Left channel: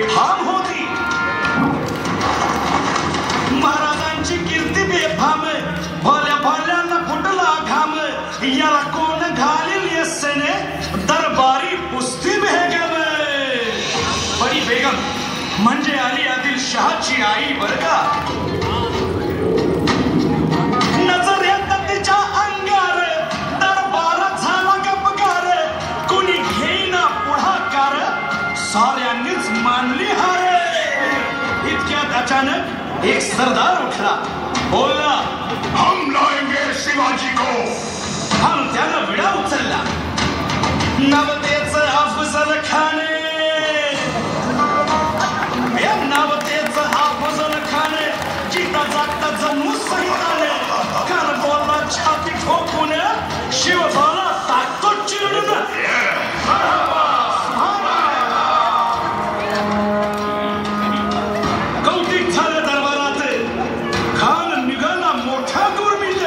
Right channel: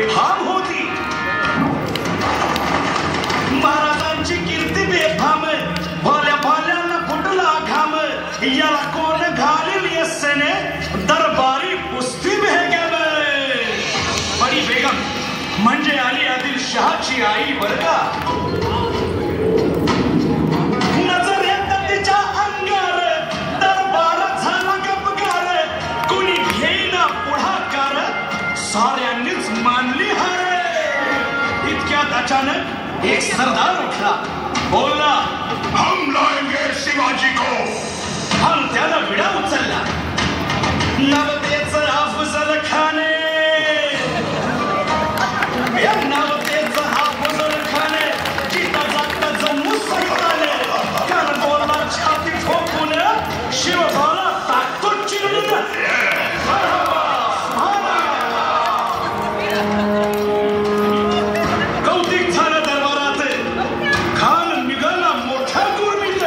बेफाम होती. महाराजांची कीर्ती बेफाम, भोल्या भोल्यांना फुटला घाम. याला कोण घालील यस्सेने दरबारी कुस्ती बेगम. बडी बेगम म्हणजे अली आदिलशहाची आई बर का. नजर येत तिच्या अंगार, दरबारात झाला गपगार. कुणी घेईना पुढाकार, साऱ्यांनीच मानली हार. इतक्यात अचानक एक सरदार उठला, बोलला, हम लाएंगे शिवाजी को. हम त्यानं विडा उचलला. नवतेचं अफजल खाने, नवतेचं अफजल खाने जिथं जागता जम्मू सैताने. कान बोलला छाती ठोकून, शिवबाला टाकतो चिरडून. कौतिक झालं दरबारात. खान निघाला मोठ्या गुरमीत.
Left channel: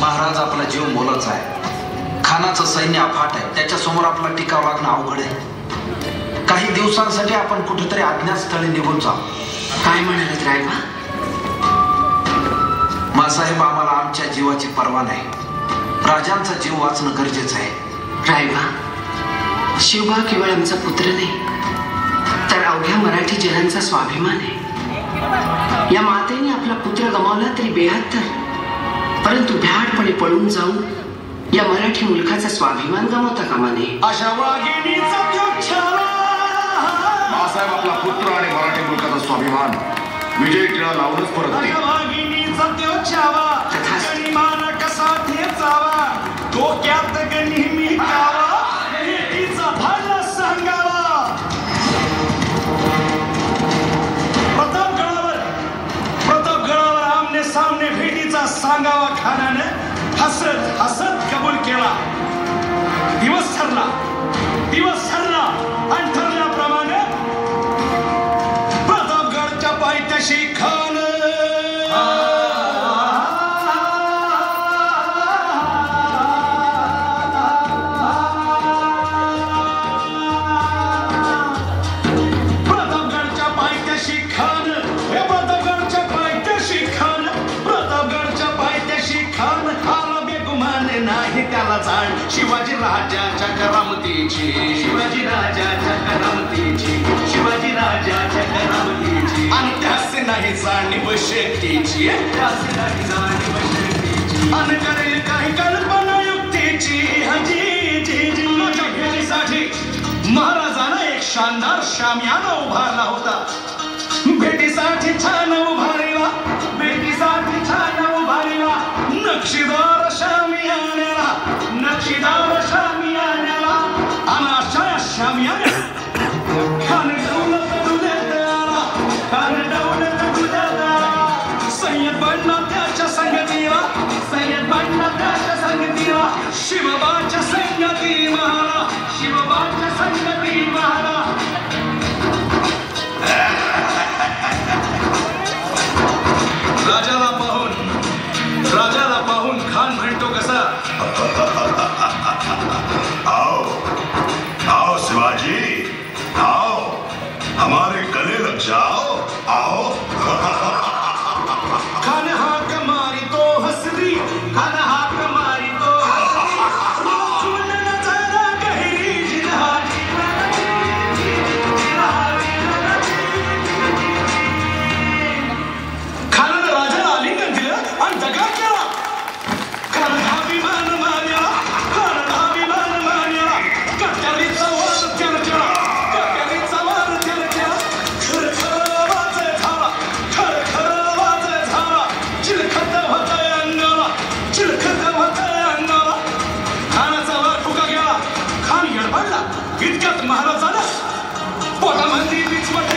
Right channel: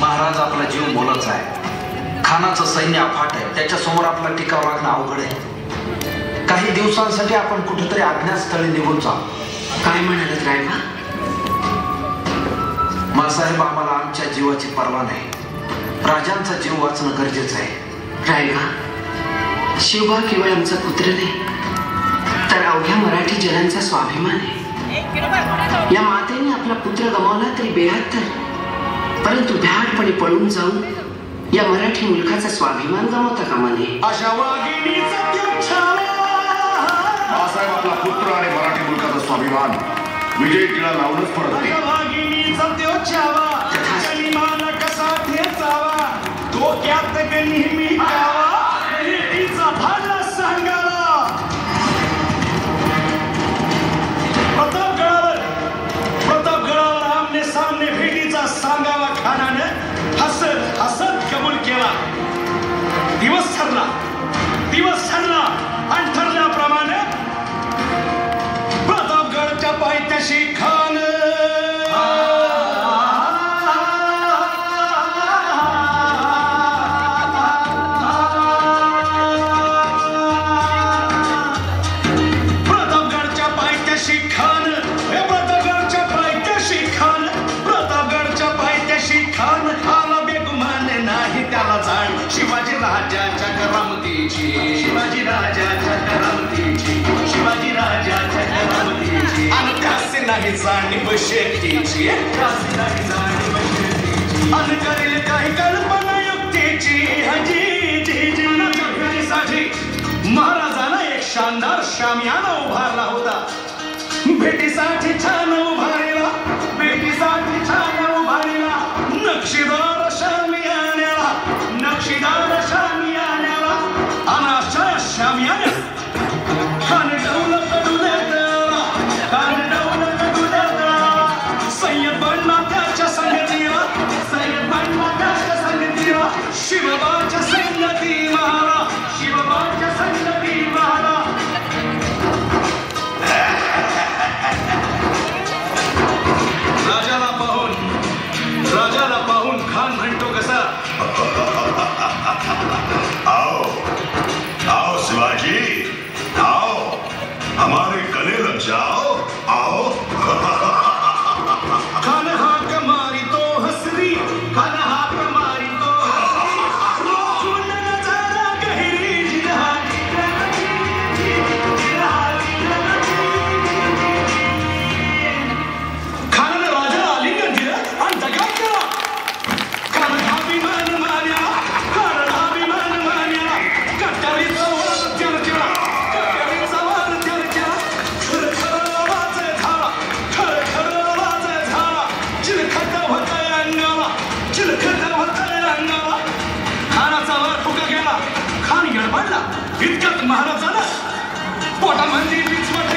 महाराज आपला जीव मोलाचा आहे. खानाचं सैन्य अफाट आहे. त्याच्या समोर आपला टिकाव राखणं अवघड आहे. काही दिवसांसाठी आपण कुठेतरी अज्ञातस्थळी निघून जाऊ. काय म्हणालात रायबा? मासाहेब, आम्हाला आमच्या जीवाची पर्वा नाही. राजांचा जीव वाचणं गरजेचं आहे. रायबा, शिवबा केवळ आमचा पुत्र नाही, तर अवघ्या मराठी जनांचा स्वाभिमान आहे. या मातेने आपला पुत्र गमावला तरी बेहत्तर, परंतु भ्याडपणे पळून जाऊन या मराठी मुलखाचा स्वाभिमान गमावता कामा नये. अशा वाघिणीचा मासाहेब, आपला पुत्र आणि मराठी मुलकाचा स्वाभिमान विजय टिळा लावूनच परत येईल. वाघिणीचा कसा ठेचावा, डोक्यात नेहमी गावा, तिचा धाडला सांगावा. प्रतापगडावर आमने सामने भेटीचा सांगावा खानाने हसत हसत कबूल केला. दिवस ठरला आणि ठरल्याप्रमाणे प्रतापगडच्या पायथ्याशी खान त्याला जाण शिवाजी राजाच्या करामतीची, शिवाजी राजाच्या करामतीची, शिवाजी राजाच्या करामतीची. आणि त्यासे नाही जाणीव शक्तीची, त्यासे नाही जाणीव शक्तीची. आणि करेल काही कल्पना युक्तीची. हजी जी जीवनाच्या भेटीसाठी महाराजांना एक शानदार शामियाना उभारला होता. भेटीसाठी छान उभारला, भेटीसाठी छान उभारला. नक्षीदार शामियान्याला, नक्षीदार शामियान्याला. आणि अशा शामियान्या खान दौलत डुलेदारा, खान दौलत डुलेदारा. सय्यद बनला त्याच्या संगतीला, सय्यद बनला त्याच्या संगतीला. शिवबाच्या संगती महारा, शिवबाच्या संगती महारा. राजाला पाहून खान म्हणतो कसा, आओ आओ शिवाजी, आओ हमारे गले लग जाओ, आओ. खान हाक मारी तो हसरी, खान हाक मारी तो नजारा गहरी. खानानं राजाला आलिंगन दिलं आणि दगा केला. खान अभिमान मान्याला, खान अभिमान मान्याला. कट्यारीचा वाद त्यानं केला, कट्यारीचा वाद त्यानं केला. खरखर आवाज झाला, खरखर आवाज झाला. चिलखत होतंय अंगाला, चिलखत होतंय अंगाला. खानाचा वर फुका गेला, खान गडबडला. इतक्यात महाराजानं पोटामध्ये पिचवट